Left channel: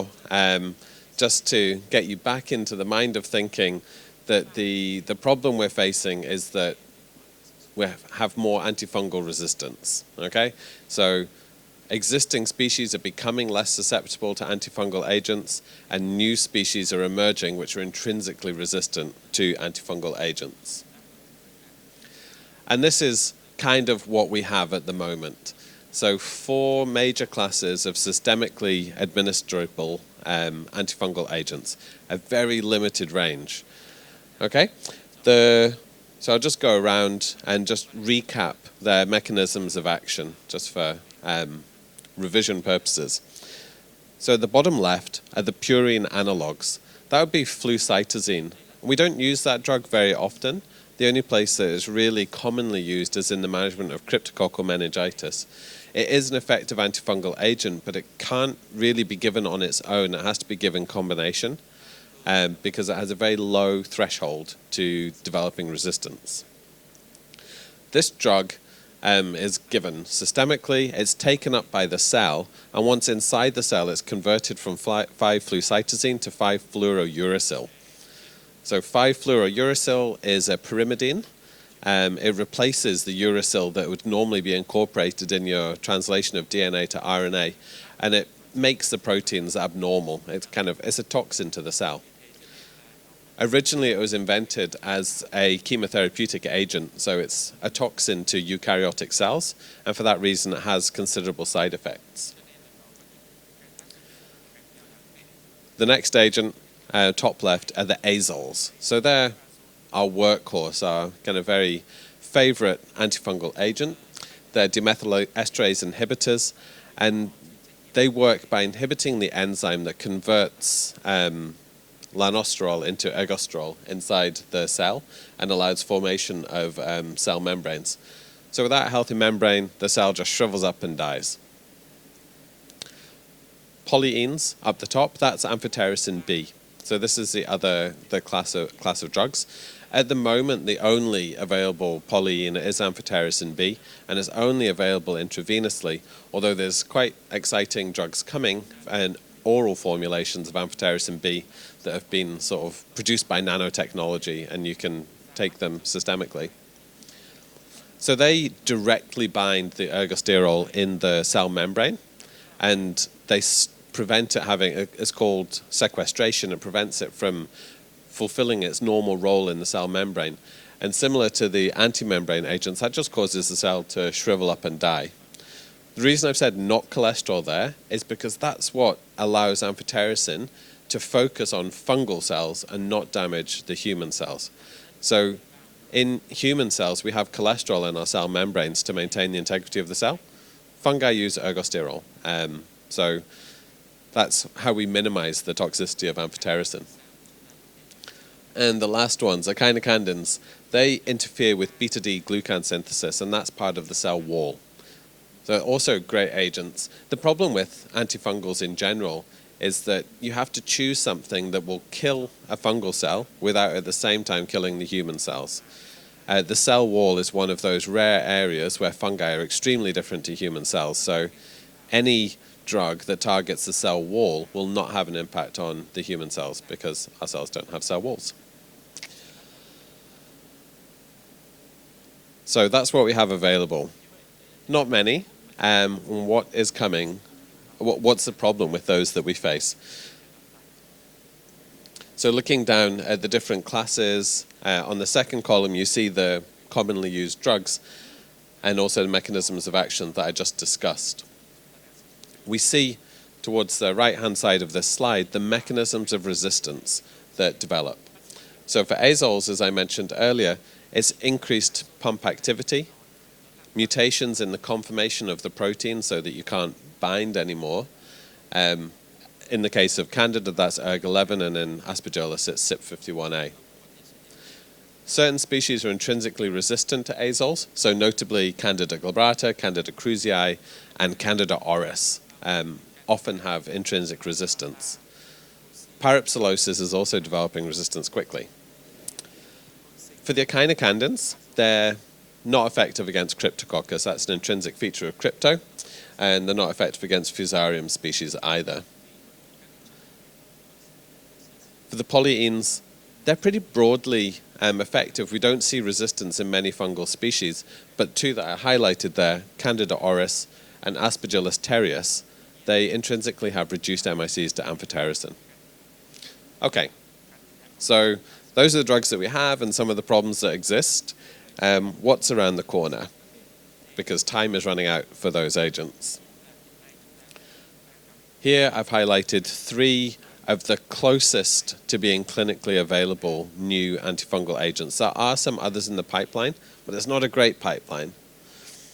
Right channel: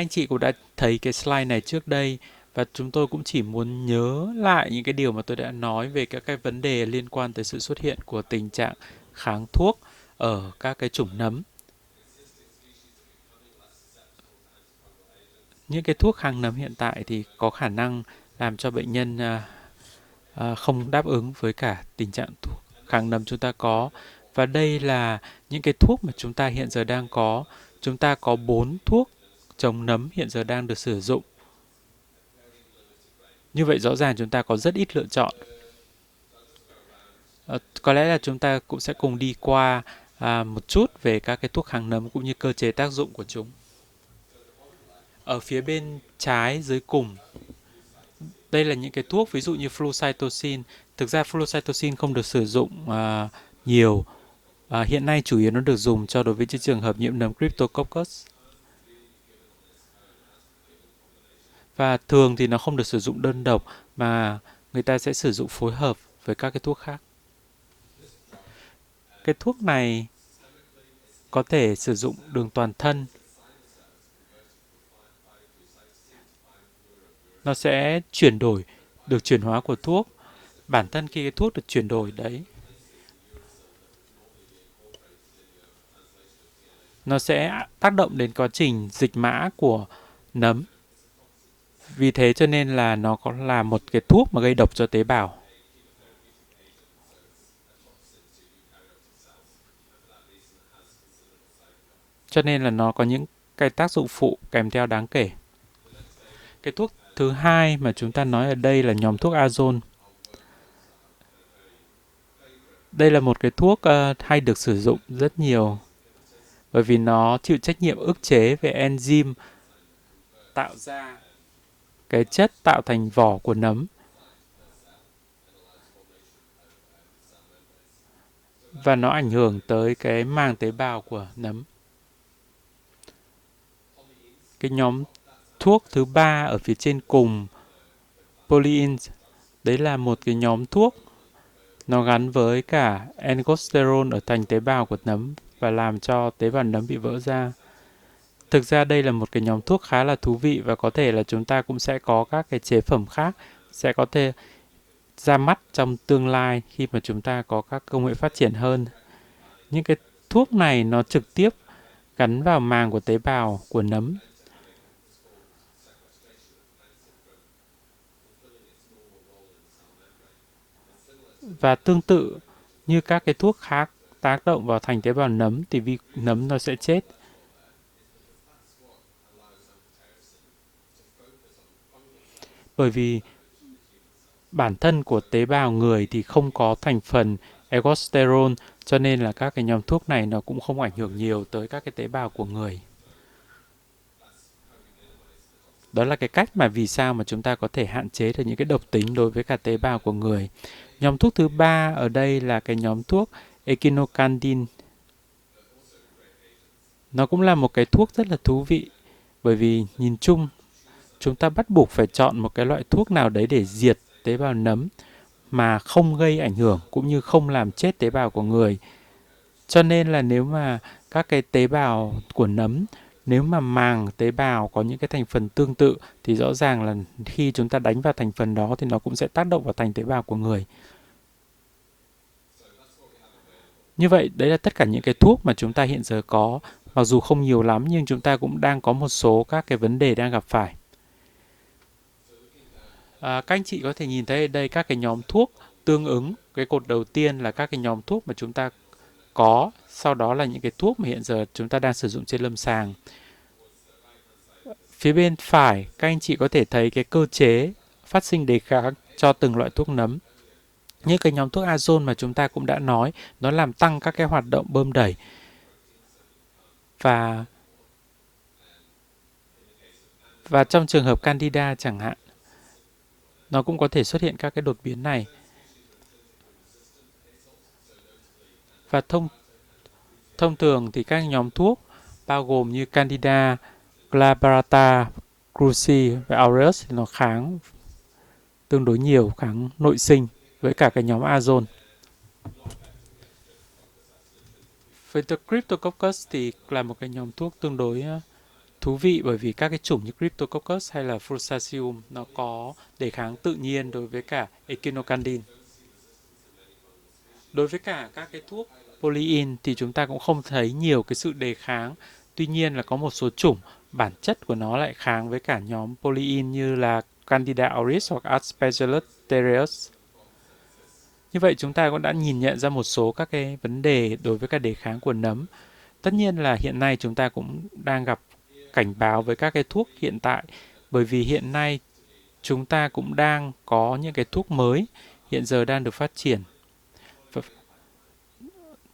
Anh chị cũng đã thấy cái slide just này to trước get đây you back và into the chúng tôi mind cũng of chỉ muốn thinking nhớ that lại những cái điều the mà tôi đã problem we're nói về facing các cái is vấn that đề liên quan tới sự xuất we hiện của have tình more trạng antifungal kháng thuốc resistance. ở Okay, các cái so chủng nấm. existing species are becoming less susceptible to antifungal agents, Những cái and thuốc new kháng nấm hiện species tại are thì có emerging khả which are năng intrinsically làm cho bệnh resistant nhân to antifungal agents. không đáp ứng với cả tình trạng And this kháng nấm is chúng ta kind có. of what we Và have đây at the là moment. những cái thuốc So mà chúng ta hiện giờ four đang major có. classes Chúng of ta có 4 systemically thuốc chống administrable nấm hiện giờ đang được sử dụng. antifungal agents, a very limited range. Như vậy rõ ràng chúng ta có Okay? rất ít lựa chọn. So I'll just go around and just Có lẽ là chúng ta recap cũng sẽ their cùng đi mechanisms qua of action, một just chút for về các cái thuốc kháng nấm cũng như cơ revision chế tác dụng purposes. của chúng. So the bottom left Ở are the phía bên purine trái analogs. dưới cùng, That would be flucytosine. đây là những We cái don't thuốc ví use dụ that như drug very often. flucytosine. The Thực ra only place that it's flucytosine không really được sử dụng commonly used is in the management nhiều. of cryptococcal Hiện nay chủ meningitis. yếu nó được dùng It cho is đối an với những trường effective hợp nhiễm nấm antifungal agent, but it Cryptococcus. can't really be given on its own. It has to be given combination. Và thường thì nó không được Because sử it has a dụng very đơn độc, low mà threshold người ta to sẽ sử dụng phối developing hợp với resistance. các cái thuốc khác. This drug Cái is thuốc này given systemically. It's có taken thể up by sử the dụng cell, đường toàn and thân. once inside the cell, it's converted from 5-flucytosine to Nó 5-fluorouracil. sẽ chuyển đổi, So được chuyển hóa của 5-fluorouracil thuốc. is a Bản thân khi pyrimidine. cái thuốc được chuyển đổi It replaces the uracil that would normally be incorporated in your translation of DNA to nó sẽ RNA, tác động and đến it quá trình makes the dịch mã proteins của abnormal. nấm. It's a toxin to the cell. Vì thế cho nên là nó có là một Originally, cái it was thuốc mà gây độc invented cho tế as bào. a chemotherapeutic agent, so it's a toxin to eukaryotic cells, and for that reason, it has considerable side effects. Cho nên là nó có những cái tác dụng phụ kèm theo đáng kể. The next agent, Cái thuốc top thứ left, hai are mà the chúng ta nói ở azoles. đây là So nhóm thuốc they're azole. our workhorse, our kind of very favorite Đây là một cái antifungal thuốc agent. hay được They're sử dụng rất nhiều demethyl inhibitors, bởi vì and nó chịu trách nhiệm they ức work chế by về inhibiting enzyme, the enzyme that converts cái chất tạo lanosterol thành into vỏ của ergosterol nấm. inside the cell and allows formation of cell membranes. So without Và nó healthy ảnh hưởng membrane, the tới cell cái just màng shrivels tế up and bào của dies. nấm. Polyenes Cái up the nhóm top, that's thuốc thứ amphotericin ba B. ở phía So trên this cùng, is the class polyenes, of drugs. đấy là At một the cái nhóm moment, the thuốc only available nó gắn polyene với is cả amphotericin B, ergosterol and ở it's thành tế only bào của available nấm và intravenously. làm cho tế Although bào there's nấm bị quite vỡ ra. exciting drugs coming, Thực ra đây là một cái nhóm oral thuốc khá là thú formulations vị of và có thể là amphotericin B chúng ta cũng that sẽ have có been các cái sort chế of phẩm produced khác by sẽ có nanotechnology, thể and you can ra take mắt them trong tương systemically. lai khi mà chúng ta có các công So nghệ phát they triển hơn. directly bind Những the cái thuốc ergosterol này in nó the trực cell tiếp membrane, gắn vào màng and của tế they bào của nấm. prevent it having, it's called sequestration. It prevents it from fulfilling its normal role in the cell membrane. And similar to the Và tương tự anti-membrane agents, that như just các cái causes the thuốc cell khác to tác shrivel động up vào and thành die. tế bào nấm thì The reason I've nấm said nó sẽ not chết. cholesterol there is because that's what allows amphotericin to focus on fungal cells and Bởi not vì damage the human cells. bản thân So, của tế bào người in thì không human có thành cells, we have phần cholesterol in our cell ergosterol, membranes to cho nên là maintain the các cái integrity nhóm of the thuốc cell. này nó cũng không ảnh hưởng Fungi nhiều use tới các cái ergosterol. tế bào của người. So that's how we minimize the toxicity Đó là of cái cách mà amphotericin. vì sao mà chúng ta có thể hạn chế được những cái And độc the tính last đối với ones cả are tế bào của echinocandins. người. They Nhóm thuốc thứ interfere with ba beta ở D đây là glucan cái nhóm synthesis, thuốc and that's part of the cell wall. echinocandin. So also great agents. The Nó cũng problem là một cái with thuốc rất là thú antifungals in vị, general bởi vì is that nhìn you chung have to choose chúng something ta that bắt will buộc phải kill chọn một a cái loại fungal thuốc cell nào đấy without để at the diệt same tế time bào killing nấm the human cells. mà không gây ảnh The hưởng cell cũng wall như is không one of làm those chết tế rare bào của người. areas where fungi are Cho extremely nên là different to nếu human mà cells. So các cái tế bào any của nấm, drug that nếu mà targets the cell màng tế wall bào will có not những cái have an thành phần impact tương on tự the human thì rõ cells ràng là because our khi cells chúng don't ta have cell đánh vào thành walls. phần đó thì nó cũng sẽ tác động vào thành tế bào của người. So that's what we have available. Như vậy, đấy là tất cả Not những cái many. thuốc mà chúng ta hiện giờ What có. is coming? Mặc dù không nhiều lắm, nhưng What's chúng ta the cũng problem đang with có một those that we số các face? cái vấn đề đang gặp phải. So looking down at the Các different anh chị có thể nhìn classes, thấy đây các cái on the nhóm second thuốc column you tương see ứng. the Cái cột đầu commonly tiên used là các drugs cái nhóm thuốc mà chúng ta and also the mechanisms có, of action sau that I đó là just những cái thuốc mà discussed. hiện giờ chúng ta đang sử dụng trên lâm We sàng. see towards the right-hand side of this Phía slide bên the phải, mechanisms các anh of chị có thể thấy resistance cái cơ that chế develop. phát sinh đề So kháng for cho azoles, từng as loại I thuốc mentioned nấm. earlier, it's Như cái nhóm thuốc increased azole mà pump chúng ta cũng đã activity, nói, nó làm tăng các cái mutations hoạt in the động bơm đẩy. conformation of the protein so that you can't Và- bind anymore. In the case of Candida, Và that's trong trường hợp ERG11, and Candida then chẳng hạn, Aspergillus, it's CYP51A. nó cũng có thể xuất hiện các cái đột biến này. Certain species are intrinsically resistant to azoles, so notably Candida Và glabrata, Candida krusei, thông thường thì and các nhóm Candida thuốc auris bao gồm như often Candida, have intrinsic resistance. glabrata, krusei và Pyropsilosis aureus is nó also kháng developing resistance quickly. tương đối nhiều, kháng nội sinh For the với cả cái nhóm echinocandins, azole. they're not effective against Cryptococcus. That's an intrinsic feature of Với crypto, Cryptococcus and thì they're not là một effective cái nhóm against thuốc tương Fusarium đối species either. thú vị, bởi vì các cái chủng như Cryptococcus hay là Fusarium For the có polyenes, đề kháng they're tự pretty nhiên đối với broadly cả effective. We Echinocandin. don't see resistance in many fungal species, Đối với cả but các two cái that I thuốc highlighted there, polyen thì chúng Candida ta cũng không auris thấy and nhiều cái sự đề Aspergillus kháng. terreus, Tuy nhiên là they có một số intrinsically chủng have reduced bản chất MICs của to nó lại kháng amphotericin. với cả nhóm polyen như Okay. là Candida auris So hoặc those are the drugs Aspergillus that we have and terreus. some of the problems that exist. Như vậy chúng ta cũng đã What's nhìn around nhận the ra một corner? số các cái vấn đề Because đối với time cả is đề running kháng out của for nấm. those agents. Tất nhiên là hiện nay chúng ta cũng đang gặp Here I've cảnh báo với highlighted các cái thuốc three hiện tại, of the bởi vì hiện closest nay to being chúng clinically ta cũng available đang có new những cái thuốc antifungal mới agents. There are hiện some giờ đang others được in the phát triển. pipeline, but it's not a great pipeline.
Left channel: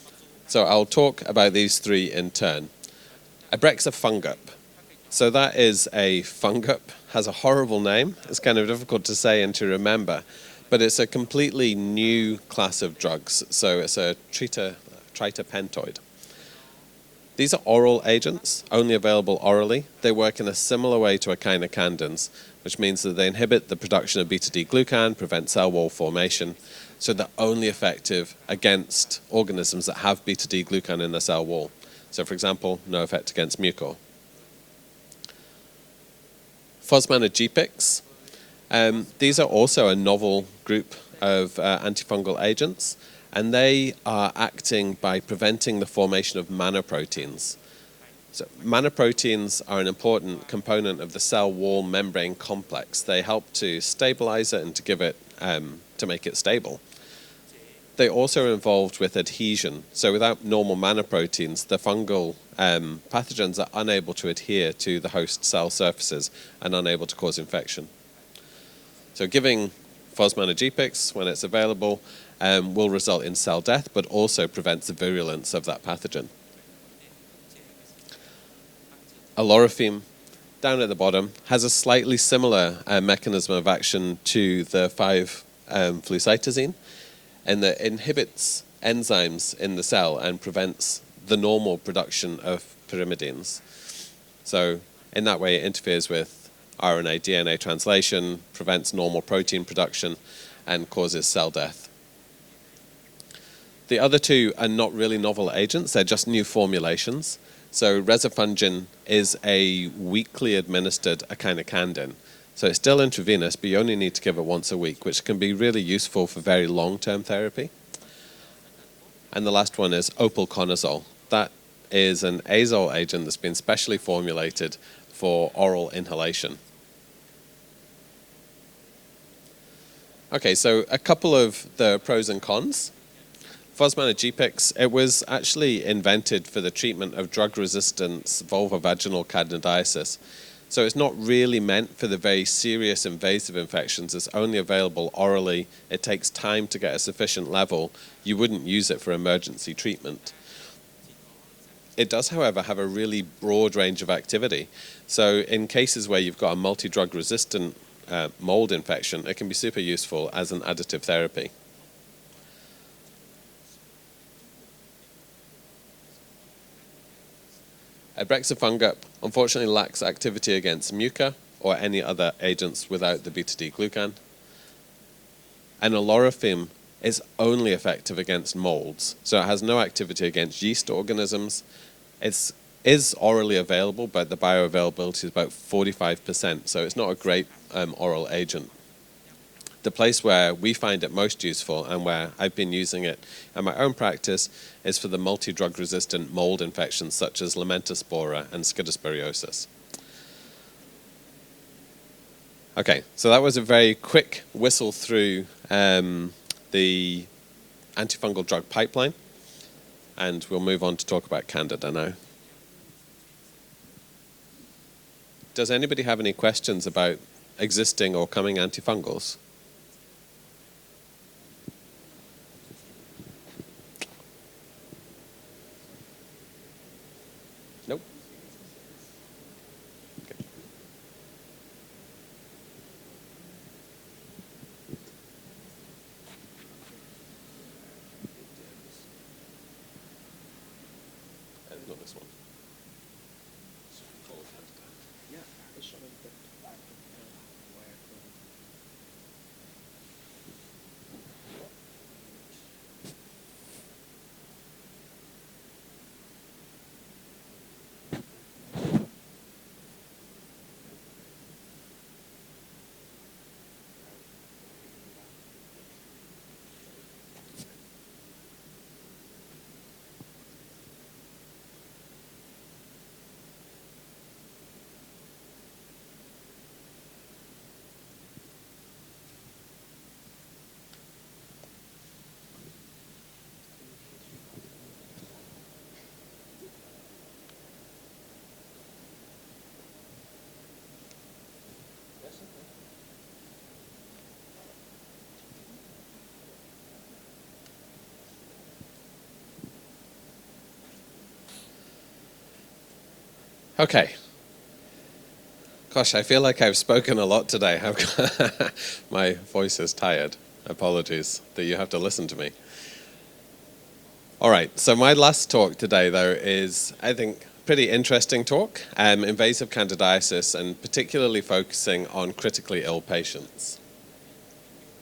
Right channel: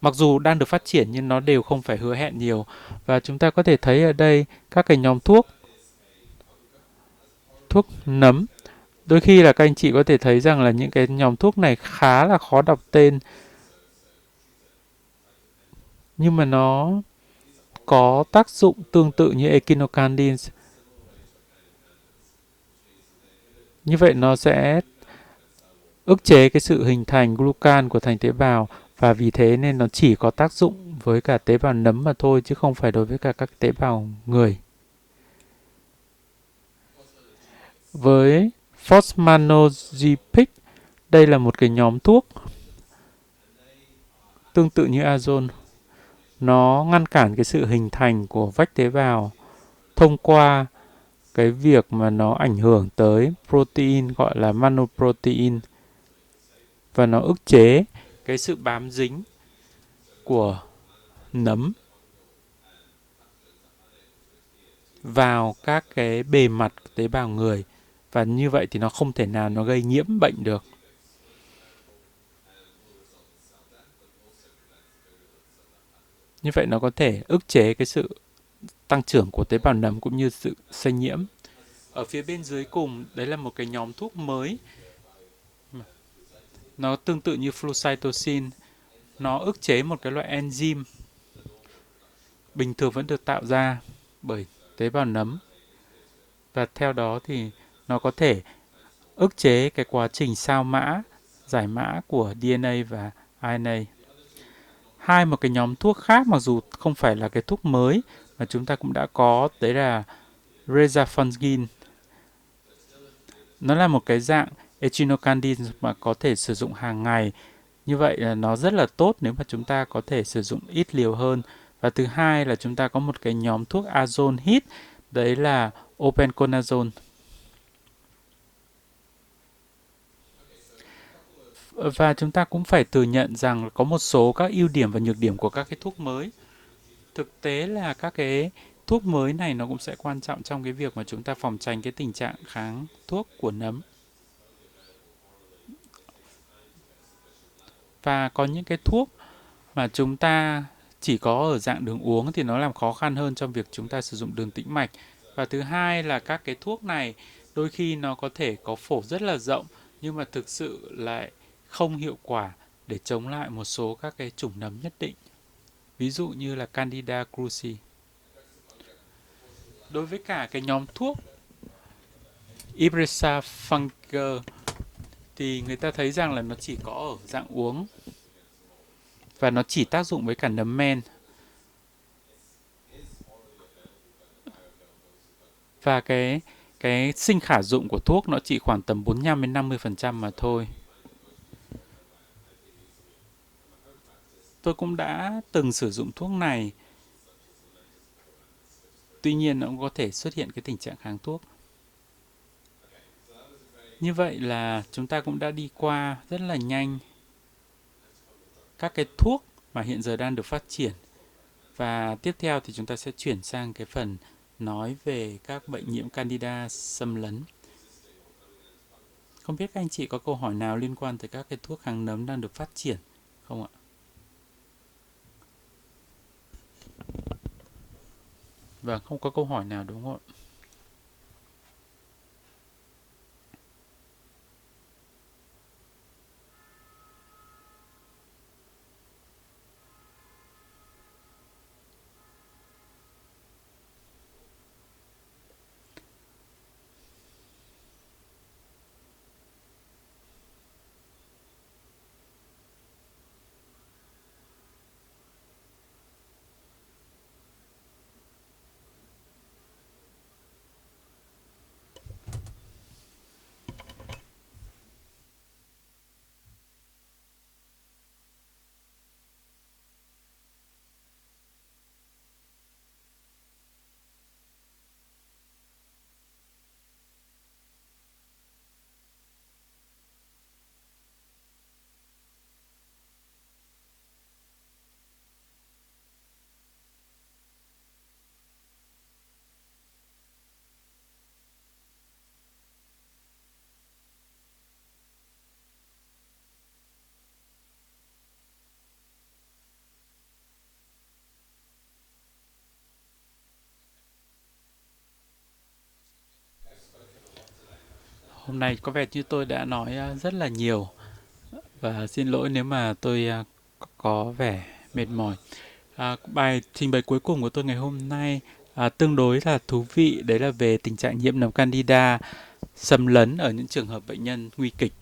Mặc dù đang So được phát I'll triển talk nhưng nó about đều these không phải three hứa in hẹn turn. nhiều. Và chúng ta có thể thấy ở Abrexafungup. đây các cái nhóm So thuốc that is a fungup, has a horrible thuốc name. nấm. It's kind of difficult to Đôi say khi là and các to anh chị có thể remember. thấy rằng là But những it's a cái nhóm thuốc này completely khá là new khó đọc class of tên, drugs. So it's a triterpentoid. nhưng mà nó These are oral có tác agents, dụng only tương tự available như orally. They work Echinocandins. in a similar way to echinocandins, which means that they inhibit the Như vậy production nó of sẽ beta-D-glucan, prevent cell wall ức chế formation. cái sự hình So thành they're only glucan của thành tế effective bào, against và vì thế nên nó organisms that chỉ have có tác dụng beta-D-glucan in với the cả cell tế wall. bào nấm mà So for thôi, chứ không example, phải no đối với effect cả các against tế mucor. bào người. Fosmanogepix. Với These are also a novel Fosmanogepix, group đây là of một cái nhóm thuốc antifungal agents, and they are tương tự acting như by azole. preventing the formation of Nó ngăn cản cái manoproteins. sự hình thành của So vách tế bào manoproteins are an thông important qua component of the cell cái việc wall mà membrane nó ảnh hưởng complex. They tới help to protein gọi là stabilize it and to give it manoprotein, to make it stable. và nó ức chế They cái also sự bám involved with dính adhesion. So without của normal manoproteins, nấm the fungal pathogens are unable to adhere to the vào host cell các cái surfaces bề mặt and tế unable to bào cause người, infection. và như vậy thì nó không thể So nào nó giving gây nhiễm bệnh được. Fosmanogepix when it's available will result in cell death, but also prevents the virulence of that pathogen. Như vậy nó có thể ức chế cái sự tăng trưởng của tế bào Alorifim, nấm cũng như sự down at the lây nhiễm. bottom, has a slightly Ở phía bên similar dưới cùng, đấy là mechanism một of cái nhóm action thuốc to mới. the 5-flucytosine, Nó tương tự như and that phocytosine. inhibits Nó enzymes ức in chế the một cái cell loại and enzyme prevents the normal production of bình thường vẫn được tạo pyrimidines. ra bởi So tế bào in nấm, that way, it interferes with và theo đó RNA, thì DNA nó có translation, thể prevents normal ức protein chế cái quá production, trình sao mã, and causes cell giải death. mã của DNA và RNA. The other two are not really Hai một novel cái nhóm agents, thuốc they're khác just mặc new dù không phải là formulations. cái thuốc So mới mà chúng ta rezafungin cũng đã is có, a đấy là weekly administered rezafungin. echinocandin. So it's still intravenous, but Nó you là only một need cái to give it dạng once a week, which can be echinocandin really mà có useful thể for sử very dụng hàng long-term ngày. therapy. Như vậy là nó rất là tốt nếu mà And the chúng last ta one có is thể sử dụng ít opalconazole. liều hơn. That Và thứ is an hai là chúng ta azole có một agent cái that's been nhóm thuốc specially azole hít, formulated đấy for là oral inhalation. opalconazole. Okay, so a couple of the Và pros chúng and ta cũng phải cons. thừa nhận rằng có một số các ưu Fosmanogepix, điểm it và nhược was điểm của các actually cái thuốc mới. invented for the treatment of Thực drug tế là các resistance cái thuốc vulvovaginal mới này nó cũng sẽ candidiasis. quan trọng trong cái So việc it's mà not chúng ta really phòng tránh meant cái for tình the trạng very kháng serious thuốc của invasive nấm. infections. It's only available orally. It takes time to get a sufficient level. Và You có wouldn't những cái use it thuốc for emergency mà chúng treatment. ta chỉ có ở dạng đường It uống does, thì nó however, làm have khó a khăn really hơn trong việc broad chúng range ta of sử dụng đường activity. tĩnh mạch. So Và thứ in hai cases là where you've các got a cái thuốc này multi-drug đôi resistant khi nó có thể mold có phổ rất infection, là it can be rộng, super nhưng useful mà thực as an sự additive lại therapy. không hiệu quả để chống lại một số các cái chủng nấm nhất định. Ví dụ như là Candida cruzi. Abrexafungup unfortunately lacks Đối với cả activity cái nhóm against thuốc mucor or any other agents without the beta-D-glucan. Ibrisafunga thì người ta And thấy rằng là nó alorifim chỉ có ở is dạng only uống effective against molds, so it và has nó no chỉ tác dụng activity với cả against nấm yeast men. organisms. It is orally available, but the bioavailability is about Và cái 45%, so it's not cái a sinh great khả dụng của oral thuốc nó chỉ agent. khoảng tầm 45 đến The 50% place mà where thôi. we find it most useful and where I've been using it in my own practice Tôi cũng is for the đã multi-drug từng sử dụng resistant thuốc mold này. infections such as Lamentaspora and Tuy nhiên Scudosporiosis. nó cũng có thể xuất hiện cái tình trạng kháng thuốc. Okay, so that was a very Như quick vậy là whistle chúng ta cũng through đã đi qua rất là nhanh the antifungal drug các cái pipeline, thuốc mà hiện giờ đang and được phát we'll move triển. on to talk about Candida Và now. tiếp theo thì chúng ta sẽ chuyển sang cái phần nói về các Does anybody have any Candida questions xâm about lấn. existing or coming antifungals? Không biết các anh chị có câu hỏi nào liên quan tới các cái thuốc kháng nấm đang được phát triển không ạ? Nope. Và không có câu hỏi nào đúng không ạ? Not this one. Okay. Gosh, I feel like I've spoken a lot today. Hôm nay có vẻ như My tôi đã voice nói is rất tired. là nhiều. Apologies that you have to listen Xin to lỗi me. nếu mà tôi có vẻ All right, so my mệt mỏi. last talk today, though, Bài is, trình bày I cuối think, cùng của tôi ngày pretty hôm interesting nay talk, tương đối là invasive thú vị. Đấy là candidiasis, về and tình trạng nhiễm particularly nấm focusing candida on critically ill xâm lấn ở những patients. trường hợp bệnh nhân nguy kịch.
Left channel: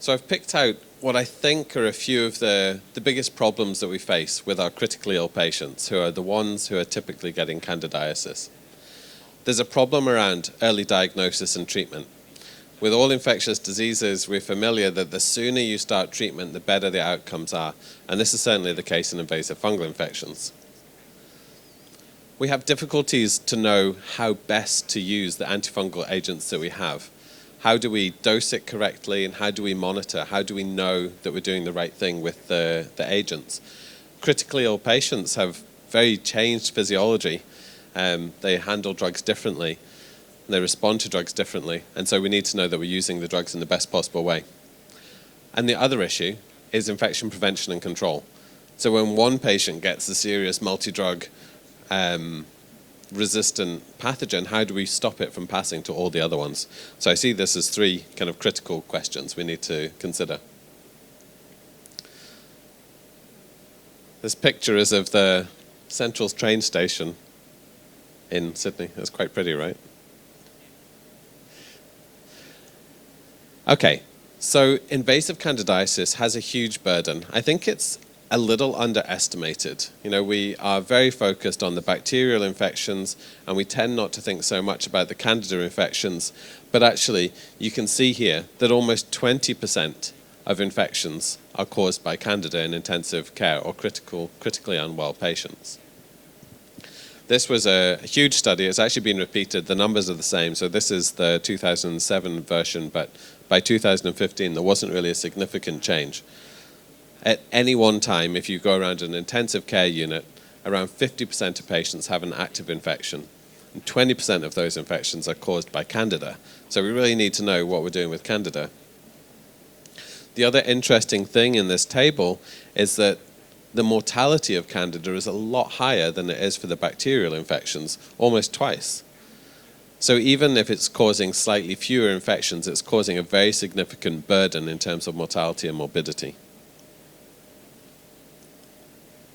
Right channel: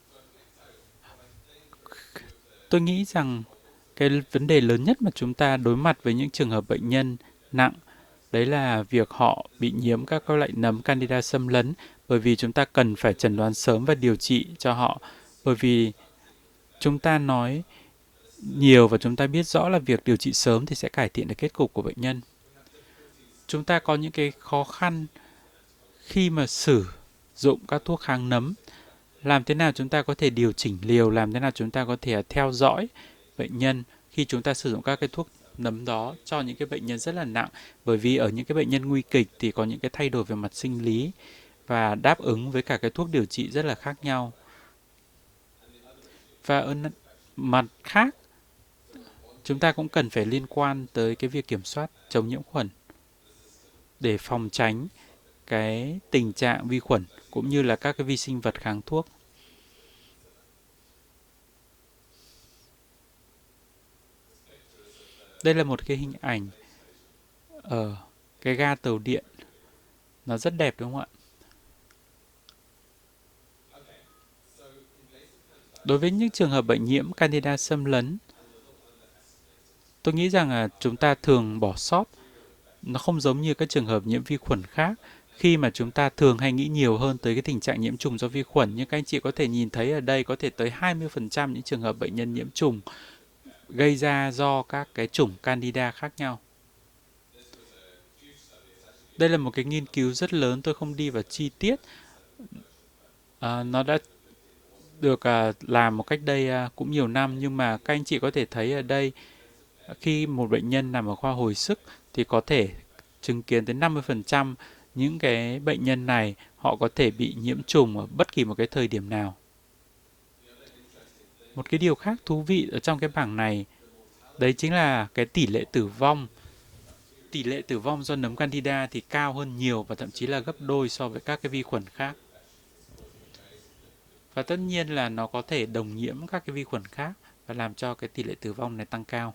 So I've picked out what I think are a few of Tôi the nghĩ biggest rằng problems that we cái face vấn đề with our lớn nhất mà critically ill chúng ta đối patients, mặt who are với the những trường hợp ones who are bệnh nhân typically getting nặng, candidiasis. đấy là việc họ There's a bị problem nhiễm các around loại nấm early candida xâm diagnosis lấn, and treatment. bởi vì chúng ta cần With all phải chẩn đoán infectious sớm và điều diseases, trị we're cho familiar họ. that the Bởi sooner you vì start treatment, the better chúng the ta outcomes nói are. And this is certainly nhiều the và case chúng in ta biết invasive rõ là fungal việc điều trị infections. sớm thì sẽ cải thiện được kết cục của bệnh nhân. We have difficulties to Chúng ta có know những cái how khó best khăn to use the antifungal khi mà agents that we sử have. dụng How các do thuốc we kháng nấm, dose it correctly, and làm how thế do nào we chúng ta có monitor, thể how điều do we chỉnh know liều, làm that thế we're nào doing chúng the ta có right thể thing with theo dõi the bệnh agents? nhân khi chúng ta Critically sử ill dụng các cái thuốc patients have nấm đó very cho những changed cái bệnh nhân rất là physiology. nặng, bởi vì ở những cái They bệnh nhân handle nguy drugs kịch thì có differently. những cái thay đổi về mặt They sinh respond lý to drugs differently, và and đáp so we ứng need to với know các that cái we're thuốc using điều the trị drugs rất in the là best khác possible nhau. way. And the other issue Và ở is infection mặt prevention and khác, control. So when one chúng ta patient cũng gets cần a phải liên serious quan tới multi-drug cái việc kiểm soát chống nhiễm khuẩn resistant để pathogen, phòng how do tránh we stop it from passing cái to all the tình other trạng ones? vi khuẩn So I see cũng this như as là các three cái vi kind sinh of vật critical kháng thuốc. questions we need to consider. This picture is of Đây the là một cái hình Central ảnh train station ở in cái ga Sydney. tàu It's điện, quite pretty, right? nó rất đẹp đúng không ạ? Okay, so invasive Đối với candidiasis những has a trường hợp huge bệnh nhiễm burden. I candida think xâm it's lấn, a little underestimated. You tôi know, nghĩ we rằng là are chúng very ta thường focused bỏ on the sót, bacterial nó infections, không giống như and we cái trường tend hợp not to nhiễm vi think so khuẩn much khác, about the khi candida mà chúng ta infections. thường hay nghĩ But nhiều hơn actually, tới cái tình you trạng can nhiễm see trùng do here vi that khuẩn, nhưng các anh almost chị có thể nhìn thấy ở 20% đây có thể of tới infections 20% những are trường hợp caused by bệnh nhân nhiễm candida in trùng intensive care or gây ra do critically các cái unwell chủng patients. candida khác nhau. This was a huge study. It's actually been Đây là một cái repeated. The nghiên numbers cứu are the rất same. lớn, So tôi this không đi is vào the chi tiết. 2007 version, but by Nó đã 2015 there wasn't really a được significant làm một change. cách đây cũng nhiều năm, At nhưng mà any các one anh chị có time, thể if you thấy go ở around đây an intensive care khi unit, một bệnh around nhân nằm ở khoa 50% hồi of sức patients have thì an có active thể infection. chứng kiến đến 20% 50% of those những infections are cái caused by bệnh nhân này candida. họ So có we thể really bị need to know nhiễm what trùng we're doing ở with bất kỳ một cái candida. thời điểm nào. The other interesting thing Một in cái this điều khác table thú vị ở is trong cái that bảng này, the mortality đấy of chính là candida cái is a tỷ lệ lot tử higher vong. than it is for the bacterial Tỷ lệ tử infections, vong do nấm almost candida twice. thì cao hơn nhiều và thậm So chí là even gấp if đôi it's so với causing các cái vi slightly khuẩn fewer khác. infections, it's causing a very significant Và tất burden in nhiên terms là of nó có mortality thể and đồng nhiễm morbidity. các cái vi khuẩn khác và làm cho cái tỷ lệ tử vong này tăng cao.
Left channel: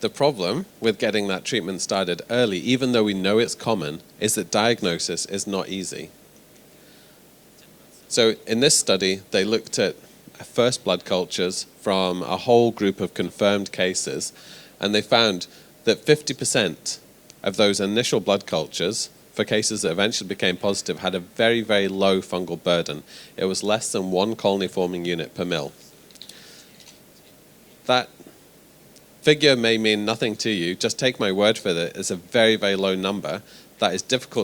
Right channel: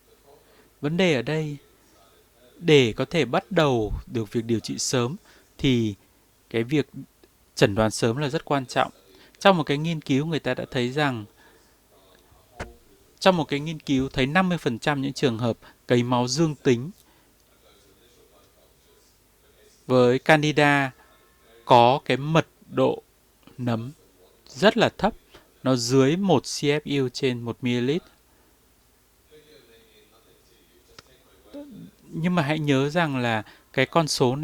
The problem Vấn with đề ở getting that đây, treatment started early, để even có though we thể know bắt it's đầu common, được is việc that điều trị sớm diagnosis is not thì easy. cái việc chẩn đoán sớm So là rất in quan this trọng. study, they Trong một cái looked nghiên cứu, người ta at đã first thấy blood rằng cultures from a whole group of trong một cái confirmed nghiên cứu thấy cases, 50% and they những trường found hợp that lấy máu dương tính 50% of those initial blood cultures for cases that với eventually became candida positive had a very, very có cái low mật fungal độ burden. It was nấm less than one colony rất là forming thấp, unit per mil. nó dưới 1 CFU trên 1 ml. That figure may mean nothing to you. Just take my word for it. It's a Nhưng mà very, hãy very nhớ low rằng number là cái that con is số difficult